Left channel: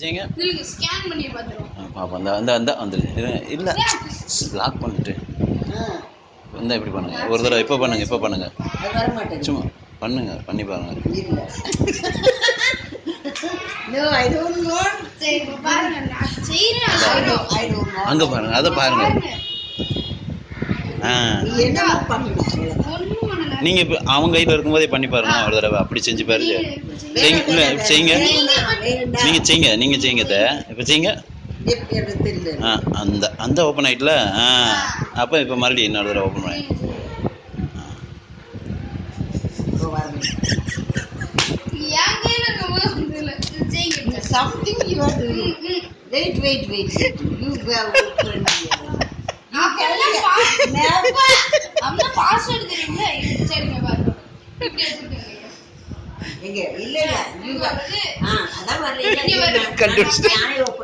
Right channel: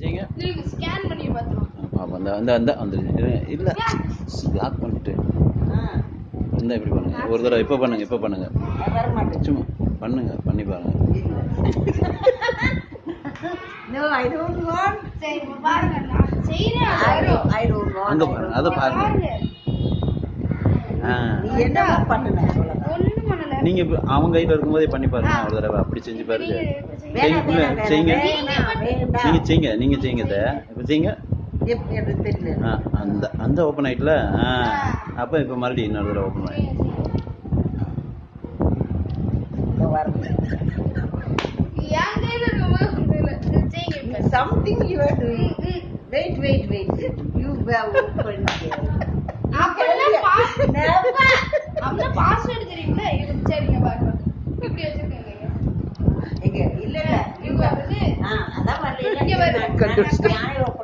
செய்யுங்க. நீங்க ஸ்கேன் பண்ணி பாத்துறோம். பாப்போம். அந்த வந்துருங்க. இல்ல லாக் பண்ணிட்டு. இந்த இப்படி பண்ணுங்க. ஒரு தடவை இப்போ பண்ணுங்க. அது வர மாட்டேங்குது. சும்மா பண்ணுங்க. பண்ணி பாருங்க. இல்ல. No, I don't want. சரி இப்ப பாருங்க நான் செய்றேன். I don't want. அங்க பாருங்க. அத பாருங்க. நீ என்ன பண்ணணும் அவ்வளவுதான். ஒண்ணும் பண்ணல. நீங்க இப்ப அவங்க கையில இருக்கும்போதே பண்ணி பாருங்க. ஒரு தடவை அப்படி செஞ்சு பாருங்க. செய்யுங்க. இல்ல செய்யுங்க. நீங்க செய்யுங்க. இப்ப செய்யுங்க. எனக்கு தெரியல. அந்த ஓப்பன் ஆயிட்டுல. அப்ப இப்ப மறுபடியும் இன்னொரு தடவை ஓப்பன் பண்ணி. என் கையில இருக்கும்போது இல்ல. செய்யுங்க. Something you are doing. Wait. You have opened. அப்ப பாஸ்வேர்ட் தெரியும்ல? இது சரிங்க பாருங்க. இப்படி எடுத்துக்கங்க. எங்க இல்ல you அதான் வரல. கண்டுபிடிச்சிட்டேன். நானே ஓபன்